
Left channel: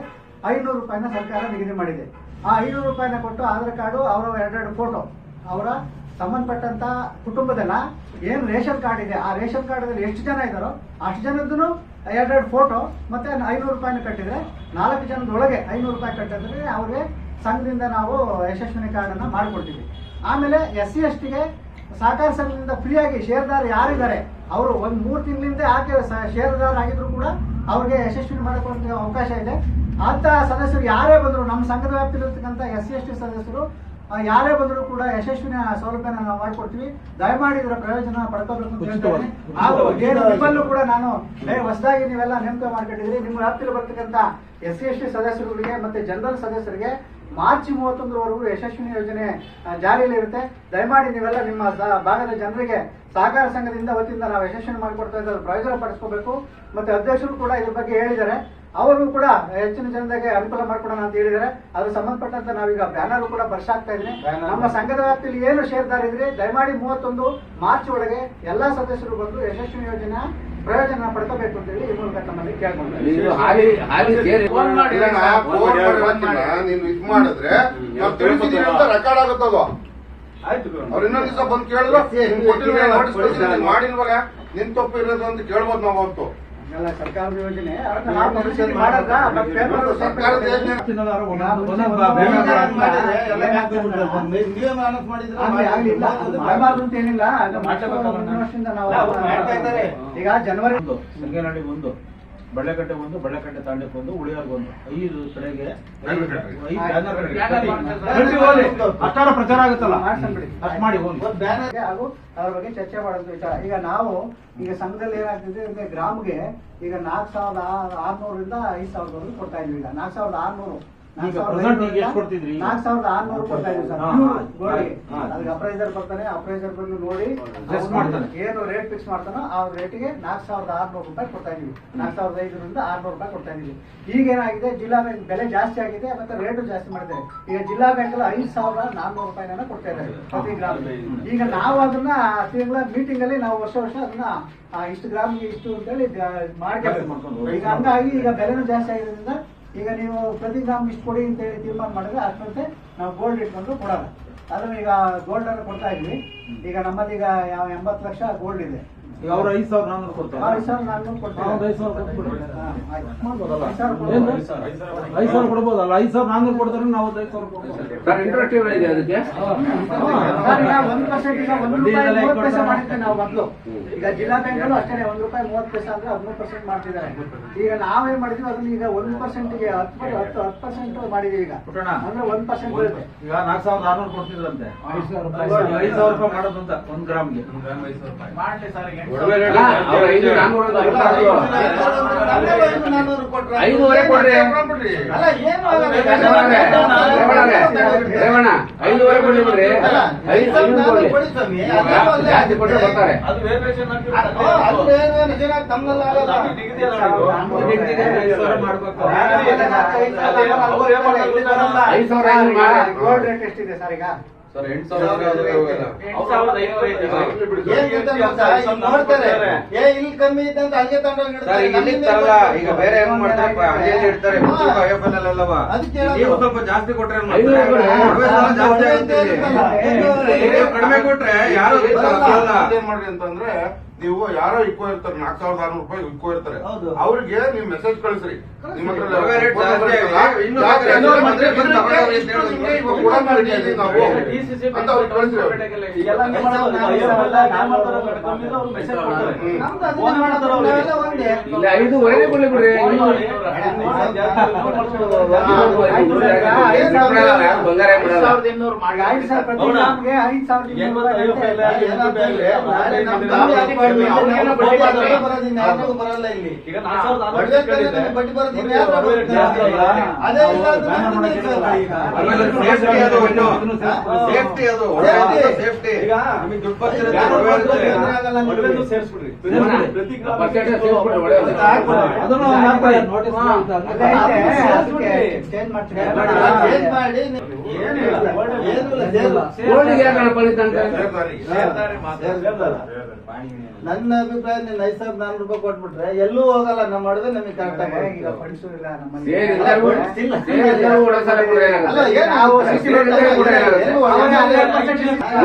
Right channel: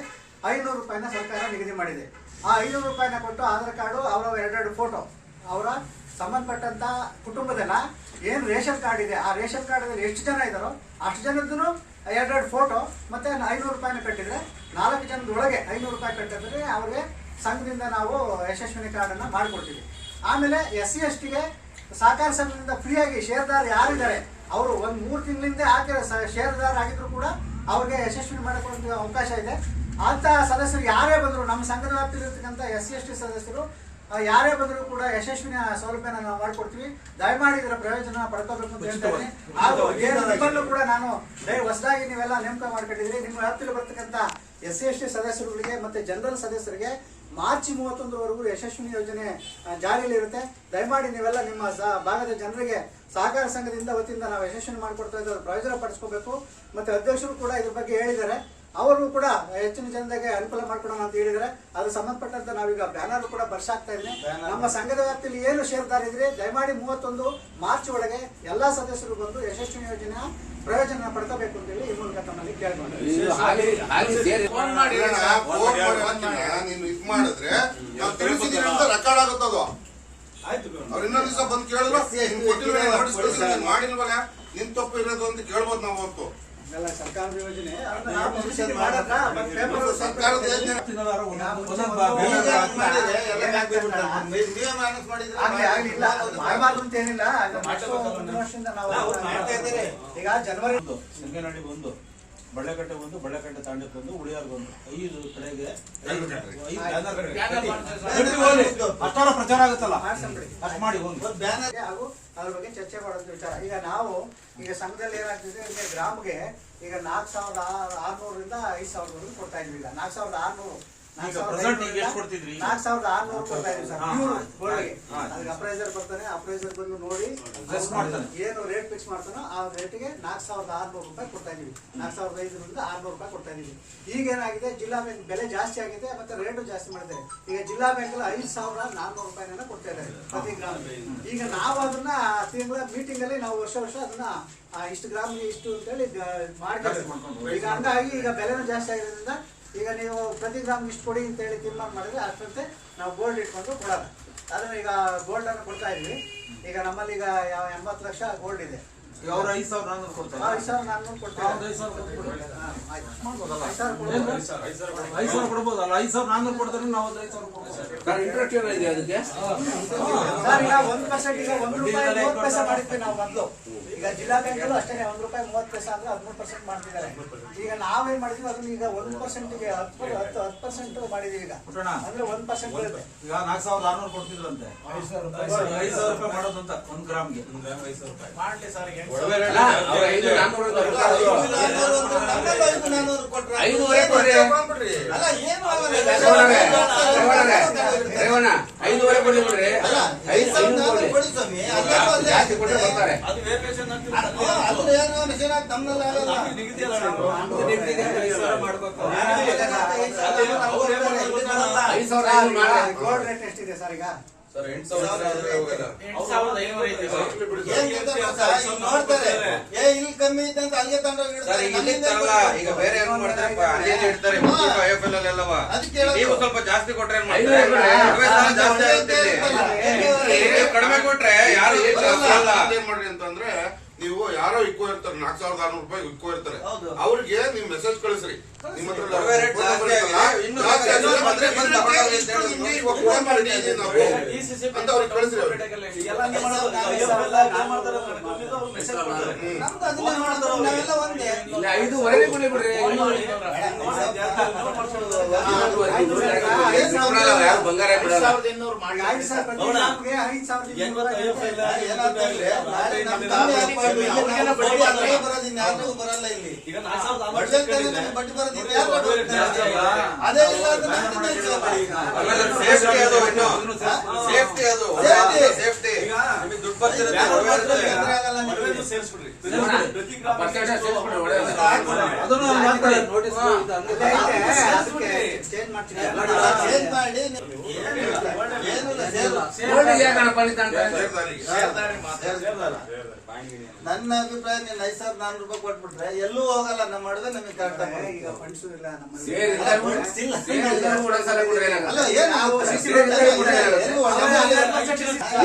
500 ರೂಪಾಯಿನ ಸರ್ಕಾರ ನಿಗದಿ ಮಾಡಿದೆ. ಆ 500 ರೂಪಾಯಿನ ಕೊಟ್ಟು ಆಧಾರ್ ಕಾರ್ಡು, ಅವರ 2 ಫೋಟೋ, ಅವರ ಸಂಬಂಧಪಟ್ಟಂತ ಕುಟುಂಬದಲ್ಲ ಏನು ರೇಷನ್ ಕಾರ್ಡ್ ಇದೆ ಆ ರೇಷನ್ ಕಾರ್ಡಲ್ಲಿ ಎಷ್ಟು ಜನ ಇದ್ದಾರೋ ಅಷ್ಟು ಜನದ್ದು 2 ಫೋಟೋ ಮತ್ತೆ 500 ರೂಪಾಯಿನ ಕಟ್ಟಿದ್ರೆ 4 ಜನದೊಳಗೆ 500 ರೂಪಾಯಿ ಕಟ್ಟಿದ್ರೆ ಅವ್ರಿಗೆ ಸಂಘದಿಂದ ನಾವು ಯಶಸ್ವಿನಿ ಕಾರ್ಡನ್ನು ಮಾಡಿಕೊಡ್ತೀವಿ. ಆಮೇಲೆ SC STಗೆ ಸಹಕಾರ ಸಂಘದಿಂದ ಫ್ರೀಯಾಗಿ ಶೇರ್ದಾರ ಯಾರಿದ್ದಾರೆ ಅವರು ಒಂದು 3 ತಿಂಗಳಿಂದ ಹಾಕಿರೋ ಶೇರ್ದಾರ ಆಗಿದ್ರು ಕೂಡ ಅವ್ರಿಗೆ ಯಶಸ್ವಿನಿ ಮಾಡಿಕೊಳ್ಳುವ ಅವಕಾಶ ಇದೆ. ಅಂತ ಸದಸ್ಯರು ಯಾರೇ ಬಂದರು, ನಮ್ಮ ಸಂಘದ ವ್ಯಾಪ್ತಿಲಿರ್ತಕ್ಕಂಥ SC ST ಸದಸ್ಯರು ಯಾರೇ ಬಂದರೂ ಕೂಡ ಯಶಸ್ವಿನ ಸೌಲಭ್ಯನ ನಾವು ಮಾಡಿಕೊಡ್ತೀವಿ. ದಯಮಾಡಿ ಇದರ ಪ್ರಯೋಜನ ಪಡ್ಕೋಬೇಕು ಅಂತ ಹೇಳ್ತೇನೆ. ಹಾಗೂ ನಿಮ್ಮಲ್ಲೂ ಕೂಡ ನಾನು ಹೊಸದಾಗಿ ನೀವೆಲ್ಲ ನೇಮಕ ಮಾಡ್ಕೊಂಡಿದ್ದೀರಿ. ನಿಮ್ಮ ವ್ಯಾಪ್ತಿಯಲ್ಲಿ ಬರ್ತಕ್ಕಂಥ SC ST ಸದಸ್ಯರುಗಳಿಗೆ ಮತ್ತೆ ಜನರಲ್ ಸದಸ್ಯರಿಗೆ ಮಾರ್ಚ್ 31ರವರೆಗೂ ಯಶಸ್ವಿನಿ ಯೋಜನೆ ಜಾರಿಯಲ್ಲಿ ಇರುತ್ತೆ. ದಯಮಾಡಿ ನೀವೆಲ್ಲ ನಿಮ್ಮ ಭಾಗದ ಜನರಿಗೆ ಸಹಕಾರ ಸಂಘದಿಂದ ವತಿಯಿಂದ ನಾವು ಯಶಸ್ವಿನಿ ಮಾಡಿಕೊಡ್ತಾ ಇದ್ದಾರೆ, ಪ್ರಯೋಜನ ಪಡಿಸ್ಕೋಬೇಕು. ಮತ್ತೆ ಅಧ್ಯಕ್ಷರು ಕೂಡ ಇದ್ರ ಬಗ್ಗೆ ಹೇಳಿದ್ದಾರೆ. ಅವರು ಕೂಡ ಹೆಚ್ಚಿನ ಜನರಿಗೆ ಅನುಕೂಲ ಮಾಡ್ಕೊಡೋಣ ಅಂತ ಹೇಳಿದರೆ ಅದು ಸಂಬಂಧಪಟ್ಟಂತೆ ನಾವೀಗ ಬ್ಯಾನರ್ ಕೂಡ ಬರ್ಸಾಕ್ತಾ ಇದ್ದೀನಿ. ನಮ್ಮ ಸಂಘದ ವ್ಯಾಪ್ತಿಯಲ್ಲಿ ಏನು ಶೇರ್ದಾರ ಇದ್ರೆ ದಯಮಾಡಿ 31 ಮಾರ್ಚ್ ಒಳಗೆ ಎಲ್ಲಾ ಸದಸ್ಯರು ಬಂದು ಯಶಸ್ವಿನಿ ಯೋಜನೆ ಪ್ರಯೋಜನ ಪಡ್ಕೋಬೇಕು ಅಂತ ಹೇಳಿ ಈ ಮೂಲಕ ತಮ್ಮಲ್ಲಿ ಕೇಳ್ಕೊಂಡ್ರೆ ನೀನು ಇದು ಮಾಡಿದ್ರೆ ನಾವು ತಿಳಿಸಿದೀವಿ ಅಂತ ರೆಕಾರ್ಡ್ ಆಗುತ್ತದು. ಅವ್ರು ಇನ್ನೊಂದ್ ದಿವಸ ಬಂದು ಕೇಳಿದ್ರು ನೋಟಿಸ್ ಮಾಡಿಲ್ವಲ್ಲ ನಿನ್ ತಪ್ಪು ಇರೋದು ಅಂತ ಕೇಳ್ಬೋದು ನಾವು ಅವತ್ತು. ಸರ್ಕಾರದ ಯೋಜನೆ ಮಾಡಿದ್ರ ಸರ್ಕಾರದ ಯೋಜನೆ ಮಾಡಬಾರ್ದು ಅಂತ ಏನಿಲ್ಲ. ವರ್ಷದಿಂದ ನಾವು ಈಗ ಜನವರಿ ಸಂಗೇನಹಳ್ಳಿ 1, ಬಳ್ಳೆಕಟ್ಟೆ 1, ಬಳ್ಳೆಕಟ್ಟೆ ತಾಂಡಕ್ಕೆ 1, ಉಳಿಯಾರ್ಗೆ 1, 5 ಕಡೆಗೆ 5 ಅಷ್ಟಾರ ಪ್ರಚಾರ ಆಗುತ್ತಲ್ಲ ಅಷ್ಟು ಮಾಡಿ ಹಾಗೂ ಅದ್ರ ಬಗ್ಗೆ ಚರ್ಚೆ ಮಾಡೋದು ವಿಚಾರ. ಈಗ ನಾವು ಈಗ ಸಂಘದಲ್ಲಿ ಏನಾಗ್ತಿದೆ ಅಂದ್ರೆ ಗ್ರಾಮ್ಗೆ ಈಗ 4600ರಿಂದ 5000 ಕೊಡ್ತಾ ಇದ್ವಿ. ಈಗ 4600 4600 ಕೊಡ್ತಾ ಇದೀವಿ ಸರ್. ಅದಕ್ಕೆ ಅಪ್ರೈಸರ್ ಬರ್ತಾನೆ, ಅಪ್ರೈಸರ್ ಬಂದು ನೋಡಿ ಏನು ರೇಟ್ ಫಿಕ್ಸ್ ಮಾಡ್ತಾನೋ ಆ ರೇಟಿಗೆ 4600 ರೂಪಾಯಿ ಕೊಡ್ತಾ ಇದೀವಿ. 4500ರಿಂದ 600 ರೂಪಾಯಿ ಕೊಡ್ತಾ ಇದೀವಿ. ಈಗ ಏನಾಗಿದೆ, ಜಿಲ್ಲಾ ಬ್ಯಾಂಕ್ ಬೆಲೆ ಜಾಸ್ತಿ ಆಗಿದೆ ಮತ್ತೆ ರೇಟು ಜಾಸ್ತಿ ಮಾಡಿದ್ದಾರೆ. ಈಗ ಜಿಲ್ಲಾ ಬ್ಯಾಂಕ್ 5400 ರೂಪಾಯಿನ ಕೊಡ್ತಾ ಇದ್ದಾರೆ ಪ್ರತಿ ಗ್ರಾಮ್. ಈಗ ನಾವು ಅದನ್ನ ತಿಂಗಳ ಮೀಟಿಂಗ್ ಅಲ್ಲಿ ನಾವು ವರ್ಷ ಅದನ್ನ ಇಷ್ಟು ಗ್ರಾಮ್ಗೆ ಇಷ್ಟು ಅಂತೇಳಿ ಮಾಡಿ ಕೆಲಸ ಮಾಡ್ಕೊಂಡು ಈಗ ಹಂಗಾಗಿ ಈಗ ಬೆಲೆನೂ ಜಾಸ್ತಿ ಆಗಿರೋದ್ರಿಂದ ಈಗ ನೀವು ಪ್ರತಿ ಗ್ರಾಮ್ ಇಷ್ಟು ಕೊಡಿ ಅಂತೇಳಿ ತೀರ್ಮಾನ ಮಾಡಿದ್ರೆ ಅಷ್ಟಂತೆ ನಾವು ಗೋಲ್ಡ್ ಇಟ್ಕೊಂಡು ಕೊಡೋಣ. ಅದನ್ನ ಈಗ ಗೋಲ್ಡ್ ಅನ್ನು ಕೊಡ್ತಾ ಇದ್ವಿ. ಈಗ ನಮ್ಮಲ್ಲಿ ಈಗ 80 ಲಕ್ಷ ಗೋಲ್ಡ್ ಇದೆ. ಈಗ ಅವ್ರು 5400 ಕೊಡ್ತಾರೆ. 5400 ಕೊಡ್ತಾರೆ. 5000 ಕೊಡ್ಬೋದಲ್ಲ, 5400 ಕೊಡ್ತಾರೆ, ನಾವು 5000 ಕೊಡ್ಬೋದು. ಇಂಟ್ರೆಸ್ಟ್ ಏನಿದೆ ಅದಕ್ಕೆ? ಸರ್ ಈಗ 1% ಈಗ 1 ರೂಪಾಯಿ 30 ಪೈಸೆ ಮಾಡಿದ್ದೆ ನಾವು ಮೊದಲು. ಈಗ ಜಿಲ್ಲಾ ಬ್ಯಾಂಕ್ ಅಲ್ಲೂ ಅಷ್ಟೇ 1 ರೂಪಾಯಿ 30 ಪೈಸೆ ಅಂದ್ರೆ 13% ಮಾಡ್ತಿದ್ದಾರೆ. ಈಗ ನಾವೇನ್ ಮಾಡಿದ್ವಿ ಅದನ್ನ ಈಗ 1%ಗೆ 10% ಮಾಡಿದೀವಿ. ಈಗ ಅಂದ್ರೆ 1% ಬರುತ್ತೆ. ಈಗ 4600 ಕೊಡ್ತಿದ್ರಂತೆ, 5000 ರೂಪಾಯಿ ಮಾಡೋದು ಅಂತ 1 ಗ್ರಾಮ್ಗೆ. ಮಾಡ್ಲಿ ಸರ್. ಈಗ 500 ಕೊಟ್ರೆ 500 ಕೊಡ್ರಿ. ರೇವಣ್ಣ 500 ಕೊಡಿ ಬಿಡ್ರಿ. 500 ಕೊಡಿ ಜಾಸ್ತಿ ಕೊಟ್ರೆ ಬರ್ತಾರೆ. 5000 ಗೋಲ್ಡ್ ರೇಟ್ ಎಷ್ಟಿದೆ ಸರ್ ಈಗ? ಸರ್ 8500 ಇಲ್ಲಿ ಕಮ್ಮಿ ಇದೆ ಅಂತ ಅಲ್ಲಿಗೆ ಸರ್ ಈಗ ಇಲ್ಲಿ ತರಲ್ಲ. ಈಗ ಬೇರೆ ಹೆಂಗ್ ಮಾಡ್ತಾರಪ್ಪ, ಅಲ್ಲಿ ಇಡ್ತಾರೆ IFL ಅಲ್ಲೆಲ್ಲವ. ನೀವು ಸ್ವಲ್ಪ ಜಾಸ್ತಿ ಕೊಟ್ರೆ ಏನ್ ಮಾಡ್ತಾರೆ? ಜಾಸ್ತಿ ಆಗುತ್ತೆ. ನೀವು ಕಡಿಮೆ ಕೊಟ್ರೆ ಯಾರು ಏನ್ ಮಾಡ್ರಿ ಅಂತಂದ್ರೆ ನೀವು ಯಾರೋ ಇಕ್ಕೋ ಇರ್ತಾರೆ 4,600 ರೂಪಾಯಿ ಇಕ್ಕೋ ಇರ್ತಾರೆ ಹೌದು. ಅವ್ರಿಗೆ ನೀವು ಮೆಸೇಜ್ ಕಳಿಸ್ರಿ ನಿಮ್ಮ ಹತ್ರ ರವೆ ರೇಟ್ ಜಾಸ್ತಿ ಆಗಿದೆ, ಇನ್ನೂ ಬೇಕಾದ್ರೆ ಬಂದ್ರೆ ಬಂದು ತಗೊಂಡು ಹೋಗಿ ಅಂತ ಹೇಳಿ ನಿಮ್ಗೆ ಇವಾಗ ಕೂಡ ಮಾಡಿದ್ದೀವಿ ನಾವು ಅಂತ ಅವ್ರಿಗೆ ಕಳಿಸ್ರಿ ಅವ್ರಿಗೆ. ನಮ್ದು ಅದನ್ನೇ ಮಾಡ್ತಾರೆ, ನಾವೆಲ್ಲ ಒಂದೇ. ಇಲ್ಲ 5.5 ಕೊಡ್ಲಿ ಬಿಡ್ರಿ. ಯಾರು ಬಂಗಾರ ಬಿಡಲ್ಲ. 5,200 ಮಾಡಿ. 5,000 ನಮ್ಗೆ 5,000 ನಾಳೆ ನಮ್ ಕಮ್ಮಿ ಆಗ್ಬಾರ್ದು. ಅವ್ರಿಗೆಲ್ಲ ಬಡ್ಡಿ ಬರೋದು ಇನ್ಯಾರಿಗೂ ಬರಲ್ಲ ಇಲ್ಲಿ. ಬಡ್ಡಿ ಬಡ್ಡಿ ಬರೋದು ಇನ್ಯಾರಿಗೂ ಬರುತ್ತೆ. ಅದೇ ಇಲ್ಲ ಅಂದ್ರೆ ನಮ್ದು ನಿಲ್ಸಲ್ಲ. ಆಮೇಲೆ ಸೇಫ್ಟಿ ಅದು ಇನ್ನು ಸೇಫ್ಟಿ ಅದು ಸೇಫ್ಟಿ ನಿಮಗೆ ದುಡ್ಡು ಬರ್ತಿರುತ್ತೆ ರವೆ ಇರುತ್ತೆ. ಒಡವೆನೂ ಸೇರಿಸ್ಬಿಡ್ರಿ. ಪರ್ಸೆಂಟೇಜ್ ಸೇರಿಸ್ಬಿಟ್ರೆ ಒಳ್ಳೆಯದು. ಅದನ್ನು ಹಾಕ್ತಾರೆ ನೋಟಿಸ್ ಚೇಂಜ್ ಮಾಡ್ತೀನಿ. ಚೇಂಜ್ ಮಾಡಿ ಏನಿಲ್ಲ ಸೇರು. ಗೋಲ್ಡಿಗೆ ಯಾಕೆ ಪಲಿತ ಅಂತ ಸೇರ್ತಾರೆ ಮಾತ್ರ. ನನ್ನ ಅಭಿಪ್ರಾಯ ನೀವು 5,400 ರೂಪಾಯಿ ಕೊಟ್ಬಿಟ್ರೆ ಎಲ್ಲೂ ಹೋಗಲ್ಲ. ನಮ್ಮ ಅಡುಗೆ ನಮಗೆ ಕರೆಕ್ಟ್ ಈಗ ಫಂಡ್ಸು ಇಲ್ಲ ನಮ್ಮಲ್ಲಿ. ಸೇರಿ ಎಲ್ಲರೂ ಒಳಸಾಲ ಕೊಡ್ರಿ ಏನಾಗಲ್ಲ. ಅಲ್ಲ ಏನು ನಾವು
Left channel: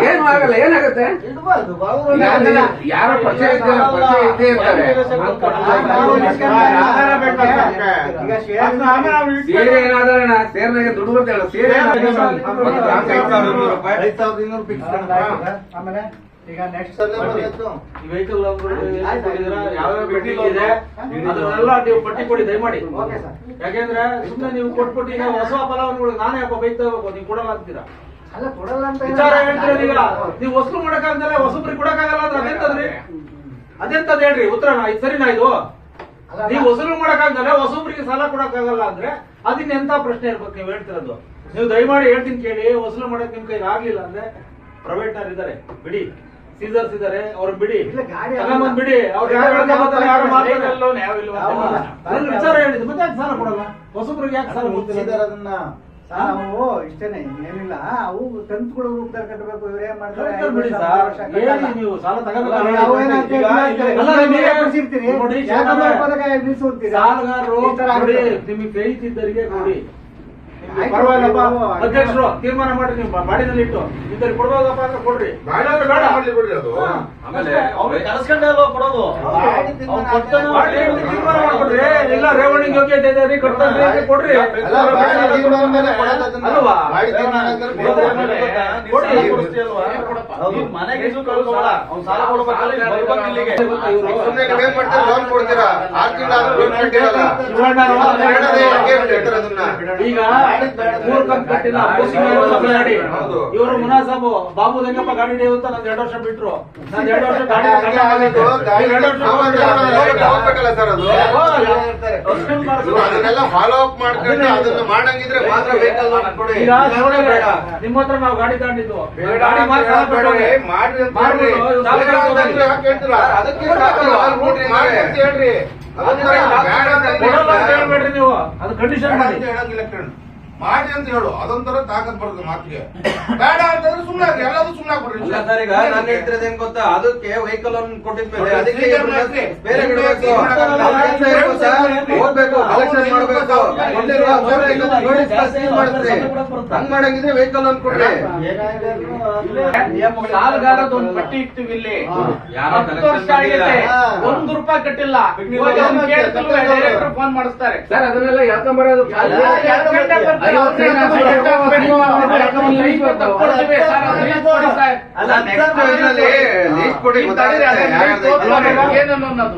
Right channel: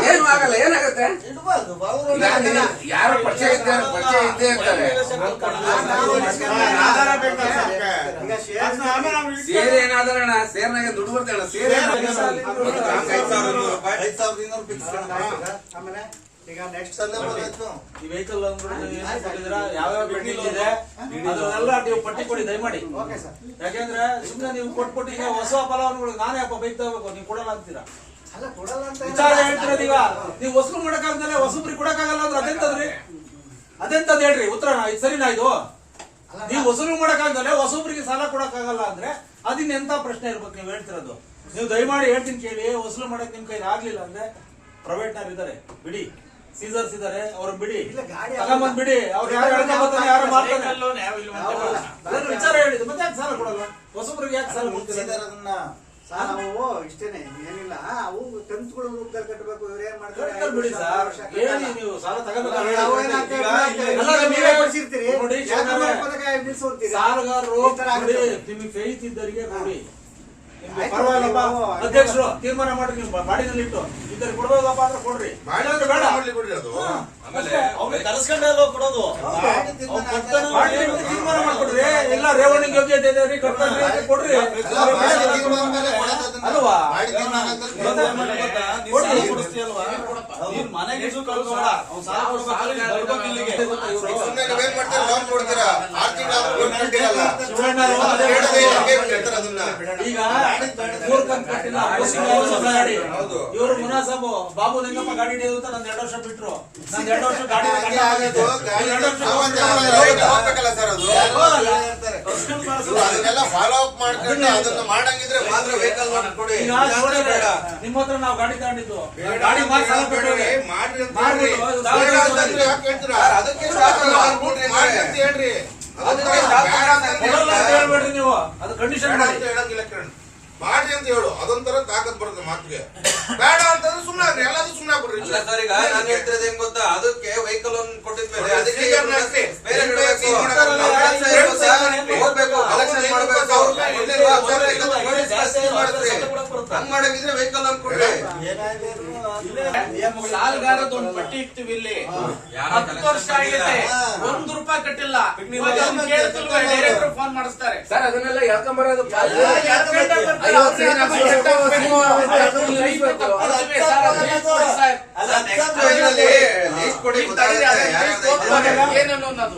ಏನು ಆಗಲ್ಲ, ಏನಾಗುತ್ತೆ? ಇಡ್ಬಾರ್ದು. ಈಗ ಅದನ್ನ ಯಾರೋ ಪರಿಚಯ ಇದ್ದೇ ಇರ್ತಾರೆ. ಈಗ ಶೇರ್ ಸೇರಿ ಏನಾದ್ರೆ ಸೇರ್ನಾಗೆ ದುಡ್ಡು ಬರ್ತೇಳ ಸೇರಿ 5,200 ರೂಪಾಯಿ 5,200 ಫಿಕ್ಸ್. ಆಮೇಲೆ ಈಗ ನೆಕ್ಸ್ಟ್ ಈ ವೆಹಿಕಲ್ ಯಾವ್ಯಾವ ಬಿಲ್ಡಿಂಗ್ ಇದೆ ಅದನ್ನೆಲ್ಲ ನೀವು ಪಟ್ಟಿ ಕೊಡಿ ದಯಮಾಡಿ. Okay sir. ಯಾಕೆಂದ್ರೆ ಸುಮ್ಮನೆ ನೀವು ಕೊಟ್ಬಿಟ್ಟು ಈಗ ಹೊಸ ಫಲಾನುಭವಿಗಳಿಗೆ ನಾನೇ ಯಾಕೋ ಬೈಕ್ ತಗೋಬೇಕು, ನೀವು ಕೊಡಲ್ಲ ಅಂತೀರಾ. ಅಲ್ಲ ಕೊಡಲ್ಲ ಅಂತ ವಿಚಾರ ಹೇಳ್ತೀರ ಈಗ ನೀವು ಹೊಸರು ಮಾಡಕ್ಕಾಗ್ದಲೆ ಹೊಸಬ್ರಿಗೆ ಕೊಡಕ್ಕಾಗಲ್ಲ ಅಂದ್ರೆ ಅದೆಂತದ್ರಿ? ಅದೆಂತದ್ ಹೇಳ್ರಿ ಉತ್ತರ. ಇದು ಸರಿನಾ ಇದು? ನೀವು ಹೊಸರು ಮಾಡಕ್ಕಾಗ್ದಲೆ ಹೊಸಬ್ರಿಗೆ ಸಾಲ ಕೊಡಕ್ಕಾಗಲ್ಲ ಅಂದ್ರೆ ಅದಿನ್ನ ಎಂತ ಪ್ರಶ್ನೆ ಇರ್ಬೇಕು ನೀವು ಹೇಳ್ತಿರೋದು? ನೀವು ದಯಮಾಡಿ ಹೇಳ್ತೀನಿ ಕೇಳಿ, ವಸೂಲು ಮಾಡಕ್ ನಿಮ್ ಕೈಲಿ ಆಗ್ಲಿಲ್ಲ ಅಂದ್ರೆ ಪ್ರೈವೇಟ್ ನಾರ್ ಇದಾರೆ ಬಿಡಿ, ಸೀಸರ್ಸ್ ಇದಾರೆ ಅವ್ರ ಬಿಡಿ, ಇಲ್ಲ, ಗಾಡಿ ತಗೊಂಬಂದ್ ಬಿಡಿ. ಅವ್ರು ಯಾರು ಹೇಳ್ಕೊಂಬರ್ತಾರೆ, ಯಾರು ಮಾಡ್ತಾರೆ. ವೆಹಿಕಲ್ ಲೋನ್ ಯಾವ ಇಲ್ವಾ ಅಂತ ಹೌದಾ? ಅದನ್ನ ವಿಚಾರ ಹೇಳಿದ್ದು ಮತ್ತೆ ಯಾಕೆ ಸಾಲ ಕೊಡಲ್ಲ? ಹೊಸಬ್ರಿಗೆ ಯಾಕೆ ಸಾಲ ಕೊಡ್ತೀರಾ? ಅದನ್ನ ನಾವು ಇಷ್ಟೇನೆ ಏನಿಲ್ಲ. ಅವು ಕಂತುಗಳು ರೂಪದಲ್ಲಿ ಕಟ್ಟಬೇಕು. ಇವ್ರು ಏನ್ ಮಾಡ್ತಾರೆ? ಕಟ್ತಾರೆ ಬಿಡಿ ಸರ್. ಹೇಳಿ ನೀವು ಸಾಲ ತಗೋಬೇಕು. ನಾವು ಏನಾಗ್ತದೆ? ಅಲ್ಲ, ನೀವೇ ಕೊಡ್ಸಿರ್ತೀರಿ. ನೋಡಿ, ಯಾಕಂದ್ರೆ ಪದಕ ನಿಲ್ಸ್ಬಿಡ್ತೀರಿ. ಸಾಲಗಾರರು ಈ ತರ ನೋಡಿ, ಆಗ್ತದೆ. ನಿಮಗೆ ಫೇತ್ ಇದ್ದರಿಗೆ ನೋಡಿ, ನಿಮ್ಗೆ ಆಯ್ತು, ಪರವಾಗಿಲ್ಲಪ್ಪ ನೀವು ಅಧ್ಯಕ್ಷರು ತೀರ್ಮಾನ ಮಾಡ್ರಿ, ನೀವು ಬಾಡಿನಲ್ಲಿ ಇಟ್ಟು ಇದ್ದರಿಗೆ ಕೊಡ್ಬೇಕಪ್ಪ ಅಂದ್ರೆ ಕೊಡ್ರಿ, ಇಲ್ಲಾಂದ್ರೆ ಬೇಡ. ಮಾಡ್ಲಿ ಬಿಡ್ರಿ ಅದು. ಆಮೇಲೆ ಕೊಡೋದು. ಗಾಡಿ ತೀರ್ಮಾನ ಬಾಡಿಗೆ ತೀರ್ಮಾನ ಮಾಡ್ಕೊಡ್ರಿ. ಎಲ್ಲ ರೇವಣಿಗೆ ಯೋಗ್ಯತೆ ಇದೆ ರೀ, ಕಟ್ತಾರೆ ಅಂತ ಕೊಡ್ರಿ. ಅಲ್ಲ, ಬಾಡಿ ತೀರ್ಮಾನ ಮೇಲೆ ಕೊಡೋದು ಅದನ್ನ. ಅಲ್ವಾ? ಬಾಡಿ ತೀರ್ಮಾನ ಅಂದ್ರೆ ಕೊಡೋದು. ಮನೆಗೆ ಸಾಲ ಕೊಡ್ಬೇಕಲ್ಲ, ಬರ್ಬೇಕು ಇಲ್ಲಿಗೆ. ಸುಮ್ನೆ ನೀವೇನ್ ಮಾಡ್ತೀರಾ? ಲೋನ್ ಕೊಡ್ತೀರಾ? 6 ತಿಂಗಳಾದ್ರೂ ಲೋನ್ ಕಟ್ಟಿರಲ್ಲ. ಶಿವಣ್ಣರು ಅದೇ ಹೇಳದೆ ಹೆಂಗೆ ಬಿಟ್ಟಿರ್ತಾರೆ ಅದನ್ನ? ಈಗ 3 ಕಂತು ಕಟ್ಟಿಲ್ಲ, ಗಾಡಿ ಇವರು ಮುನಾಸಬು ಬಾಬು ಲಿಂಗಪ್ಪ ಗಾಡಿ ಹಿಡಿಯೋದು ಅಂತ ನಂದು 2 ವರ್ಷ ಬಿಟ್ರು. ನಾನು 2 ವರ್ಷ ಗಾಡಿ ಹಂಗೆ ಆಗೋದು. ಗಾಡಿ ಹೋಗ್ಬೇಕಲ್ಲ ಸರ್ ಅದು. ನೀವು ಅದನ್ನೆಲ್ಲ ಫಾಲೋ ಅಪ್ ಮಾಡ್ಕೊಂಡು ಅದನ್ನ ಮಾಡಂಗಿದ್ರೆ ಮಾತ್ರ ವೆಹಿಕಲ್ ಲೋನ್ ಕೊಡಿ. ಈಗ ಇಲ್ಲಾಂದ್ರೆ ಬೇಡ. ನಿಮ್ಮ ಹತ್ರ ನಾವು ಗಾಡಿ ತಗೊಂಡಿದ್ದು ಬೇಡ ಗಾಡಿ ಅಂತ ಮಾಡಿ ಸಾಲ ಹೇಳ್ಬೇಡ್ರಿ. ಕಟ್ಟೋರಿ. ಮಾಡ್ರಿ ಅಂತ ಮಾಡ್ಬಿಡು. ಹೇಳ್ರಿ. ಇದು ಸಾಲ ಬೇಡ ಅಂತಂದ್ರೆ ಯಾಕೆ ಹೇಳ್ತೀರಾ? ಅದಕ್ಕೆ ಕೊಡ್ಬೇಕಲ್ಲ. ಸಾಲ ಕೊಡ್ರಿ ಅಂದ್ರೆ. ಮಾಡ್ರಿ ಅಂತ ಹೇಳ್ರಿ. ಅದನ್ನ ಬೇಡ ಅಂತ ಕೊಡಲ್ಲ ಅಂತ ಹೇಳ್ಬೇಡ್ರಿ ನೀವು, ಅದು ಕಂಡೀಷನ್ ಬೇಡ ಮಾಡಿ. ಅಂತ ಹೇಳಂಗಿಲ್ಲ ಕೇಳಿ. ಮಾಡಿ ಅಂತ ಹೇಳು. ಅದೊಂಥರ ತಾಕತ್ ಬರ್ತದೆ ಮಾತಿಗೆ. ಬೇಡ ಅಂತಂದ್ರೆ ಸುಮ್ಮನೆ ಆಗ್ರಿ. ಎಲ್ಲದೂ ಸುಮ್ಮನೆ ಆಗ್ಬಿಡ್ರಿ. ಅಲ್ಲ ಸರ್, ಈಗ ನಾನು ಹೇಳ್ತಿರೋದು ಏನ್ ಗೊತ್ತಾ, ಅದಕ್ಕೆ ವೆಹಿಕಲ್ ಅನ್ನು ಕೊಟ್ಟಿದ್ಮೇಲೆ ಅದಕ್ಕೆ ಸೀನಿಯರ್ನ ಹಾಕ್ಸಿ. ಬೇರೆ ಇಡಬೇಕು. ನಾವು ಕೆಲ್ಸ ಇರ್ಬೇಕು ಸರ್, ಹೋಗ್ಬೇಕು, ಕಲೆಕ್ಷನ್ ಮಾಡ್ಬೇಕು, ಕೊಟ್ಟಿರುವ ನೋಟಿಸ್ ಸೀಲ್ ಮಾಡಿದ್ರಿ. ಹಂಗ್ ಮಾಡಂಗಿದ್ರೆ ವೆಹಿಕಲ್ ಅನ್ನು ಕೊಡ್ರಿ. ಸಾಲಗಾರದ ಒಂದು ಪಟ್ಟಿ ಇರ್ತೀವಿ ಇಲ್ಲಿ. ಯಾರೋ 10 ವರ್ಷ collection ಆಗೈತೆ, ಮಾಡಿಲ್ಲ. 1 ರೂಪಾಯಿ ಕಟ್ಟಿಲ್ಲ. ಡೈರೆಕ್ಟರ್ ಫೋನ್ ಮಾಡಿಸ್ತಾರೆ. ಸರ್ ಅದನ್ನೆಲ್ಲ ಎಳ್ಕೊಂಬರೋದು ಅಲ್ಲ, 2 ಗಂಟೆ ಬರ್ತಾರೆ. ಅಲ್ಲ, next ಇದರಲ್ಲಿ ಲೀಸ್ಟ್ ಕೊಡಿ, ಗೊತ್ತಾಗುತ್ತೆ ಯಾರ್ಯಾರ್ದು ಐತೆ. ಏನನ್ನೋದು